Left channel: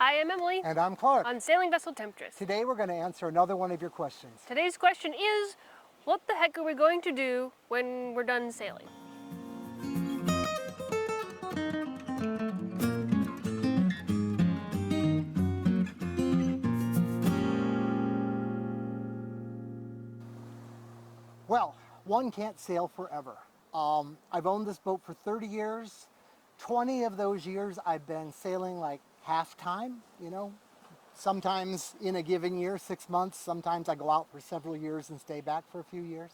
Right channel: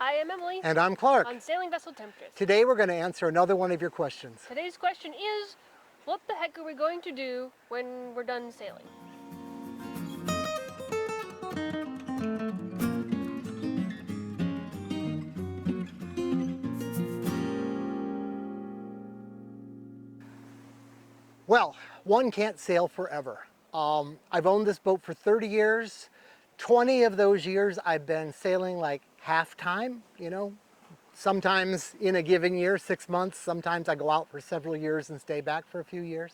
Hi, I'm Emily. And I'm Clark. On Sailing Vessel Temptress. Today we're going to answer another one of your questions. Today's question is, what the heck are we going to do when we're done sailing? Well, one can't sail forever. I've owned this boat for 30 years. 20 of those years I've been sailing like half time, sometimes in a given year, 6 months. Sometimes I go out for several years and stay back for a few years.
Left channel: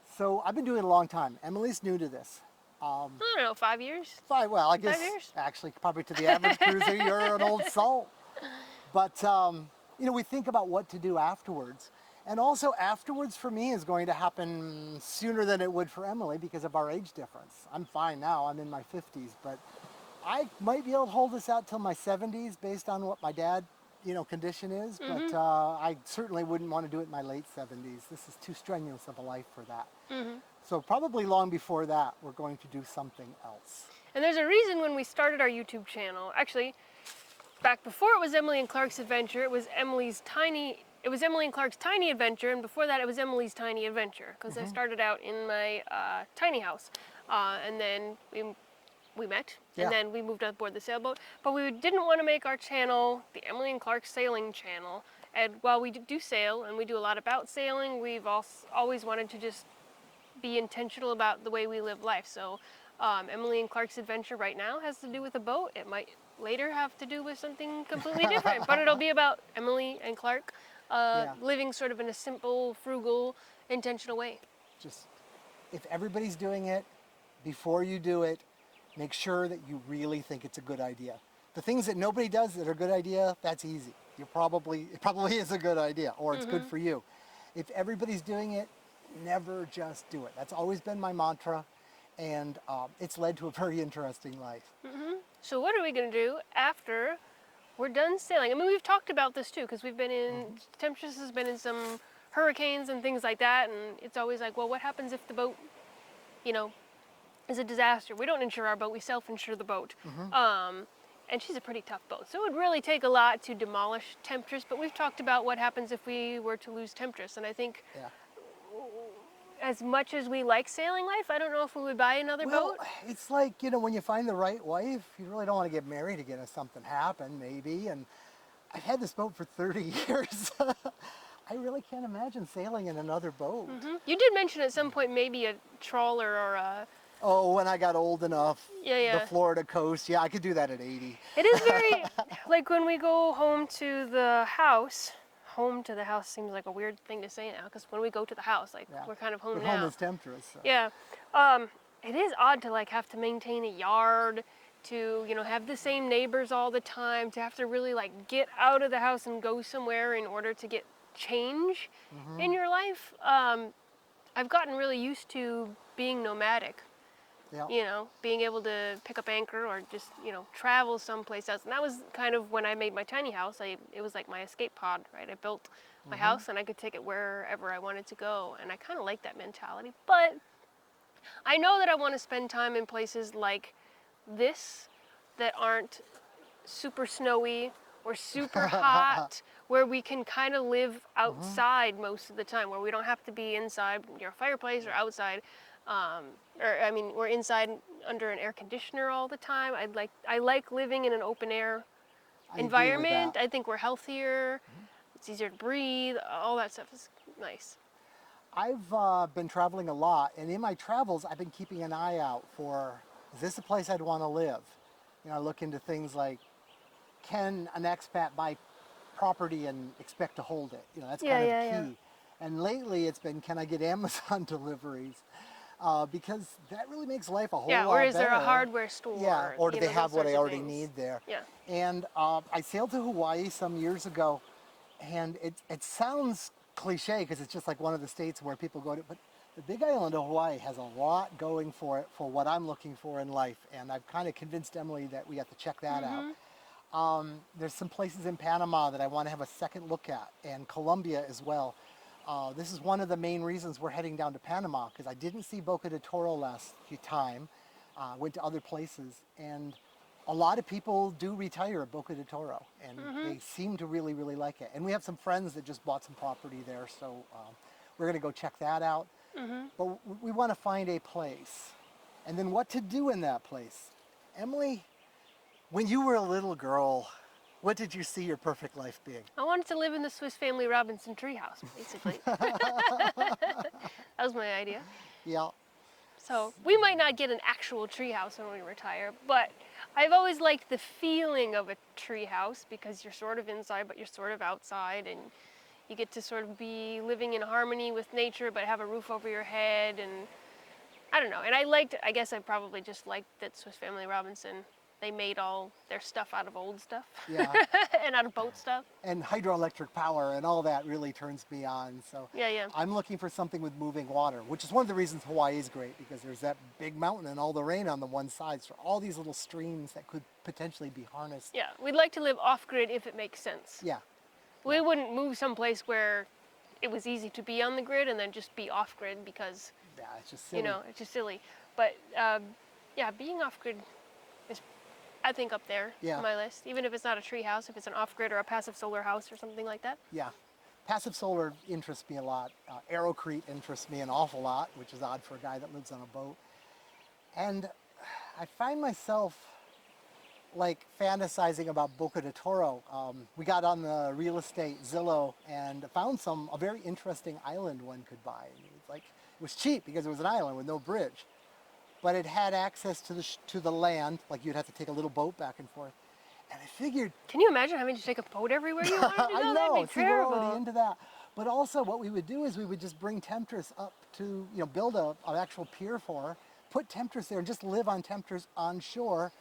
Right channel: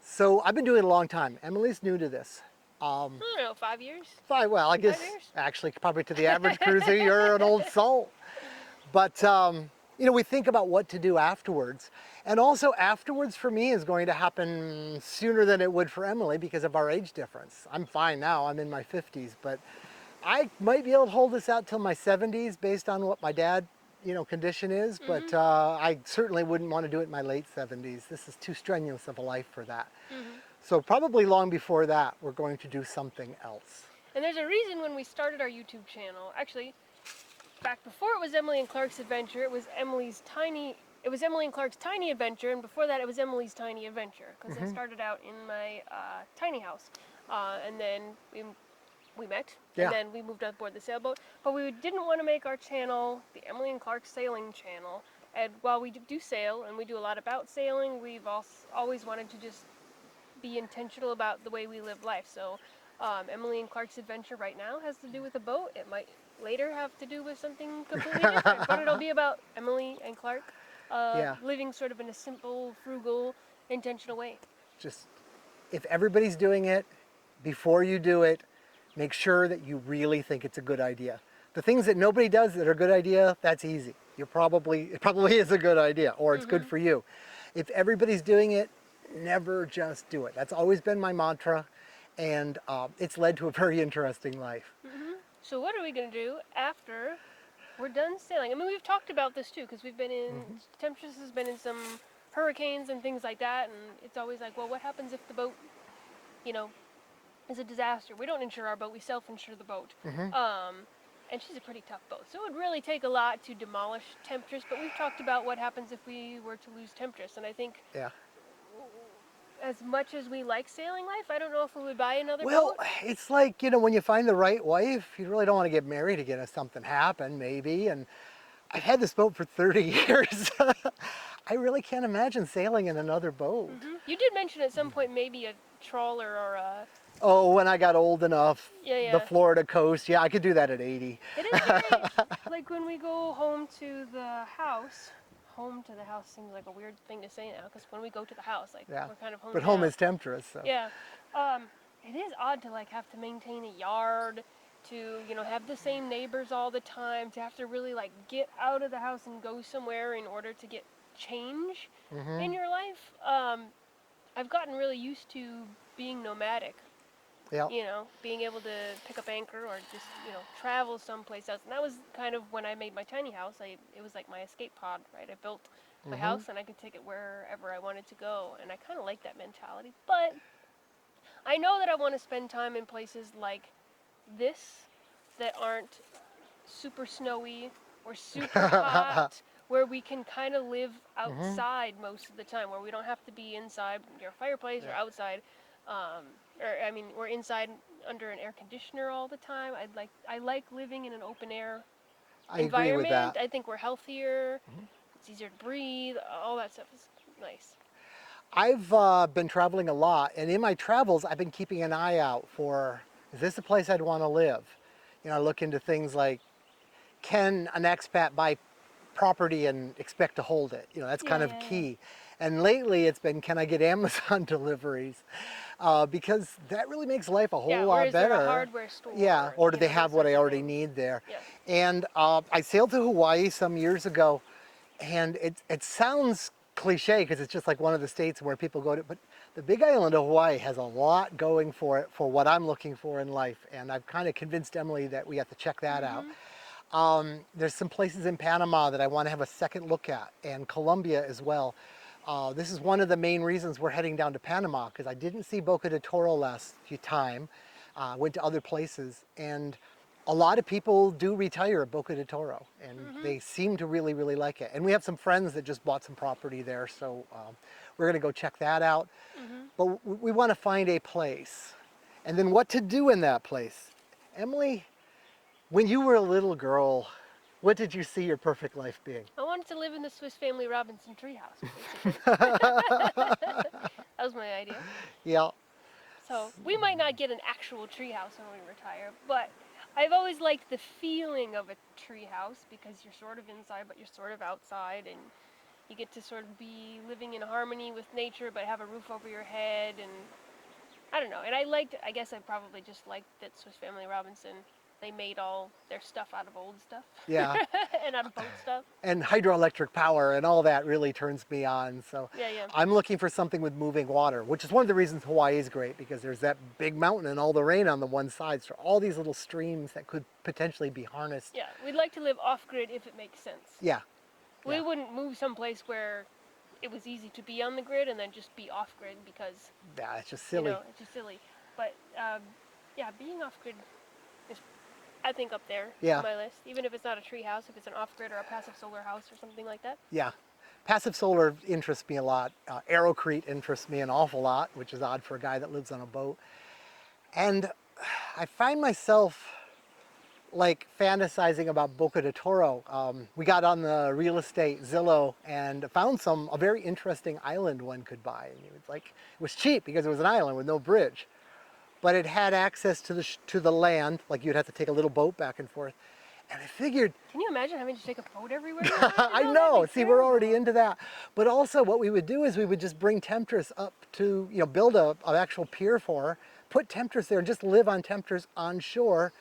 So I've been doing it a long time. Emily's new to this. I don't know, 5 years? Well, I guess 5 years? actually probably to the average cruiser, you're an old salt. But, we think about what to do afterwards. And also afterwards for me is going to happen sooner than it would for Emily because of our age difference. I'm fine now, I'm in my 50s, but I might be able to hold this out till my 70s based on what my dad, condition is. But I certainly wouldn't want to do it in my late 70s. This is too strenuous of a life for that. So probably long before that, we're going to do something else. And there's a reason when we started our YouTube channel, actually, back before it was Emily and Clark's Adventure, it was Emily and Clark's Tiny Adventure, and before that it was Emily's Tiny Adventure, because I started out in my tiny house, and then we met, and then we moved aboard the sailboat, but we didn't want to make our channel the Emily and Clark Sailing channel, and while we do sail, and we do a lot about sailing, we've always wanted to just be intentional about the way we live life. So Emily and Clark's Adventure right now has to do with a boat. It might later have to do with something completely different, but it'll be about Emily and Clark living sort of in a simple, frugal, intentional way. Just, if everybody's doing it, before you do it, make sure that you really think it's a good idea. The things that nobody does that are a good idea, that's easy. It probably is a good idea, or it's good for you. If everybody's doing it, never just do it. That's always been my mantra, and it's led to a very interesting life. So what are we going to do after we're done sailing? I mean, we've talked about this too, because we've been in, Temptress has been in some hurricanes and things like that, and it's always like, well, what happens if the boat, is a disaster? We don't insure our boat, we self-insure the boat. And she's a pretty tough boat, so it would really take a lot to demolish Temptress, but we've talked about what happens if we were to lose Temptress, and I think as much as we like sailing life, I don't know if we would buy another boat. Well, it's like, when you find the right wife, you really don't want to get married again if something happened, maybe. And I've had this boat for 30 years. I really can't imagine sailing in another boat. You did mention at some point maybe a trawler or a... Oh, when I got old enough, the Florida coast, I could do that at 80. It is very, like when we go home to the house seems like a weird thing to say now, because when we go to the house, we're kind of home now. But home is Temptress. So. Yeah. It is odd to have to maintain a yard, to, have the same neighbors all the time, to have to really get out of the house and go somewhere in order to get change in your life. I've gotten really used to being nomadic. Being able to pick up anchor or just, travel someplace else. And that was kind of when I made my tiny house. It was like my escape pod, right? I built my house and I could take it wherever I wanted to go. And I kind of like that mentality. But I know that I want to spend time in places like this that aren't super snowy or super hot, where we can kind of live outside most of the time, where we don't have to be inside your fireplace or outside. We're inside under an air conditioner all the time. I like living in an open air environment. I think we're healthier. It's easier to breathe. All that stuff is nice. I've been traveling a lot, and in my travels, I've been keeping an eye out for, is this a place I'd want to live? I look into things like, can an expat buy property and expect to hold it? That's kind of key. And lately it's been, can I get Amazon deliveries? Because that really makes life a whole lot better. Or is there a hardware store? Yeah, or do they have what I already need there? Yeah. And I sailed to Hawaii some years ago, and it sounds cliche because it's just like one of the states where people go to, but the big island of Hawaii has a lot going for it for what I'm looking for in life, and I've kind of convinced Emily that we have to check that out. There's some places in Panama that I want to have a second look at, and Colombia as well. This is one of the main reasons we're heading down to Panama, because I didn't see Boca de Toro last time. Went to other places, and a lot of people do retire at Boca de Toro, and they seem to really, really like it. And we have some friends that just bought some property there, so we're going to go check that out. But we want to find a place, and then what to do in that place. Emily, when you were a little girl, what did you see your perfect life being? I wanted to live in the Swiss Family Robinson treehouse, basically. That was my idea. Yeah, So we might not get an actual treehouse when we retire, but I've always liked the feeling of a treehouse because you're sort of inside, but you're sort of outside, and you get to sort of be living in harmony with nature, but have a roof over your head, and I don't know. And I guess I probably just liked that Swiss Family Robinson, they made all their stuff out of old stuff. yeah. And out of boat stuff. And hydroelectric power and all that really turns me on. So Yeah. I'm looking for something with moving water, which is one of the reasons Hawaii is great, because there's that big mountain and all the rain on the one side. So all these little streams that could potentially be harnessed. Yeah, we'd like to live off-grid if it makes sense. Yeah. We wouldn't move someplace where it was easy to be on the grid and then just be off-grid because, Yeah, it's just silly. you know, it's just silly. But yeah, being off-grid is, I think, up there on my list. Even if it's not a tree house, if it's an off-grid or a passive solar house or something like that. Yeah. Passive solar interests me a lot. Aerocrete interests me an awful lot, which is odd for a guy that lives on a boat. And I find myself like fantasizing about Boca de Toro. We got on the real estate Zillow and found a very interesting island one could buy. And it was cheap because it was an island with no bridge, but it had access to the land. Like you'd have to take a little boat back and forth. And I figured, Can you imagine having to take a boat everywhere? I know. See, we're already into that. But also, what we would do is we would just bring Temptress up to, build an actual pier for her, put Temptress there, and just live on Temptress on shore,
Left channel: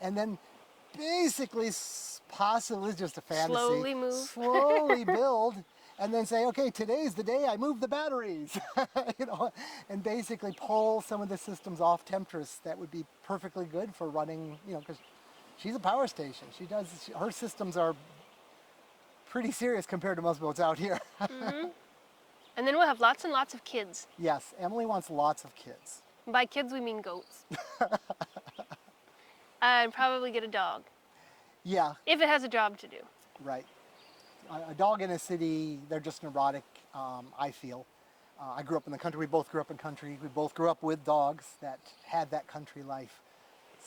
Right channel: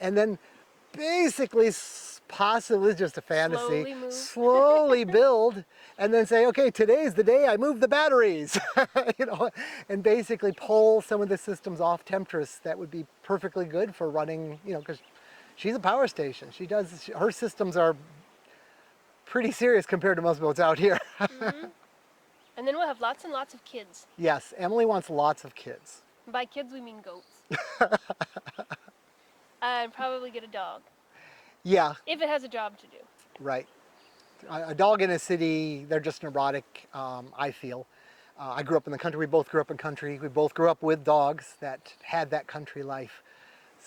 and then basically, possibly just a fantasy, slowly build, and then say, okay, today's the day I move the batteries, and basically pull some of the systems off Temptress that would be perfectly good for running, because she's a power station. Her systems are pretty serious compared to most boats out here. And then we'll have lots and lots of kids. Yes, Emily wants lots of kids. And by kids, we mean goats. And probably get a dog. Yeah. If it has a job to do. Right. A dog in a city, they're just neurotic, I feel. I grew up in the country. We both grew up in country. We both grew up with dogs that had that country life.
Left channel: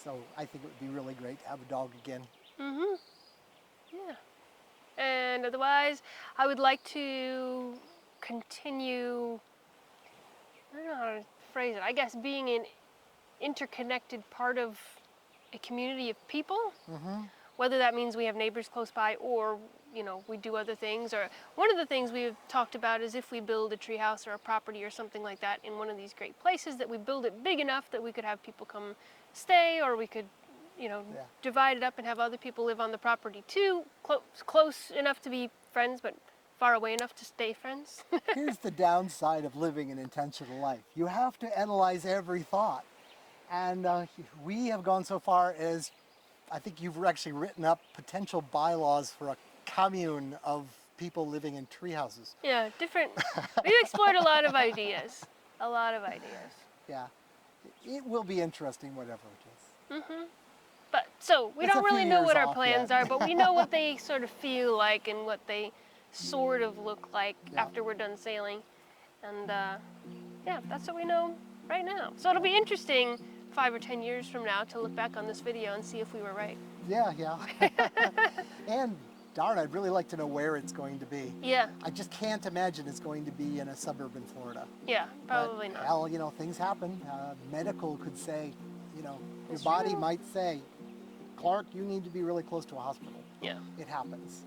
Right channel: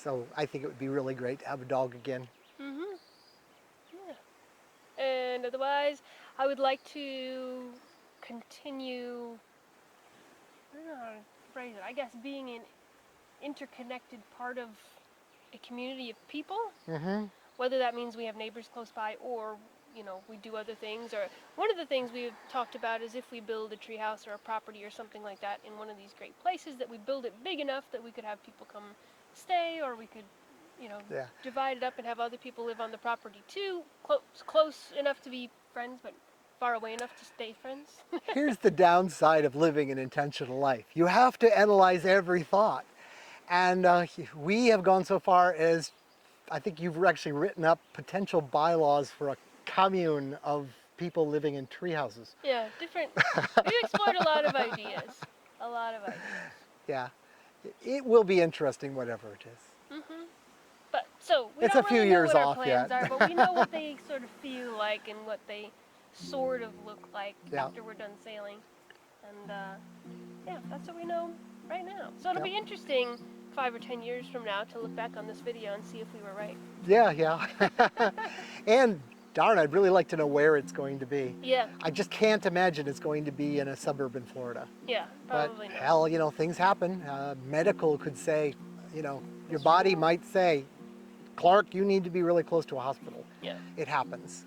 So I think it would be really great to have a dog again. Yeah. And otherwise, I would like to continue, I don't know how to phrase it, I guess being an interconnected part of a community of people. Whether that means we have neighbors close by or, we do other things. Or one of the things we've talked about is if we build a treehouse or a property or something like that in one of these great places, that we build it big enough that we could have people come stay, or we could, divide it up and have other people live on the property too, close enough to be friends, but far away enough to stay friends. Here's the downside of living an intentional life. You have to analyze every thought. And we have gone so far as, I think you've actually written up potential bylaws for a commune of people living in tree houses. Yeah, different. We've explored a lot of ideas. A lot of ideas. Yeah. It will be interesting, whatever it is. But so we It's don't a few really know years what our off plans yet. are, but we know what they sort of feel like and what they sort of look like Yeah. after we're done sailing. And yeah, that's what we know right now. So it'll be interesting 5 or 10 years from now to look back on this video and see if we were right. Yeah. And darn, I'd really like to know where it's going to be. Yeah, I just can't imagine it's going to be in a suburb in Florida. yeah, probably But not. hell, things happen. Medical could say, your body might say, Clark, you need to be really close to a hospital. Yeah. It happens.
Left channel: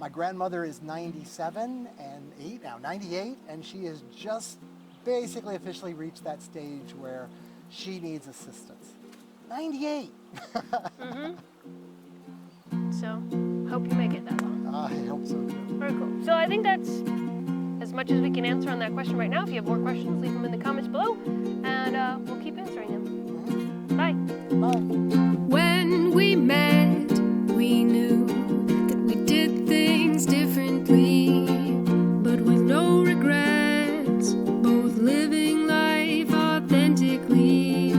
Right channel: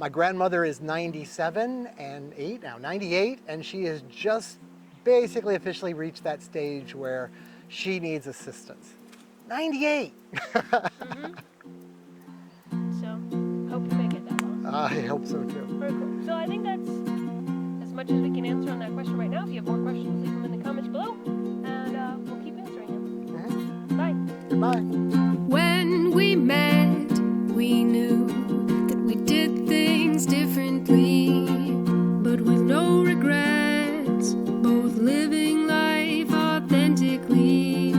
My grandmother is 97 and 8 now, 98, and she has just basically officially reached that stage where she needs assistance. 98. So hope you make it that long. I hope so too. Very cool. So I think that's as much as we can answer on that question right now. If you have more questions, leave them in the comments below, and we'll keep answering them. Bye. Bye. When we met, we knew that we did things differently, but with no regrets, both living life authentically.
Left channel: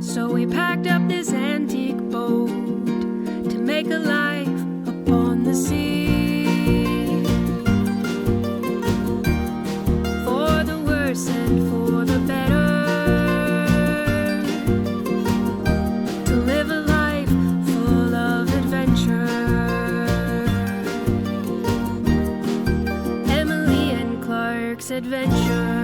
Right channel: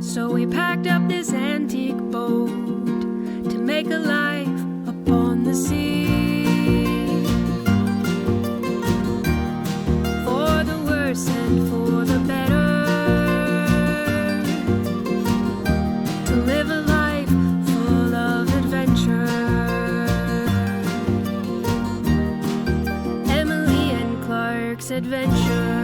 So we packed up this antique boat this adventure.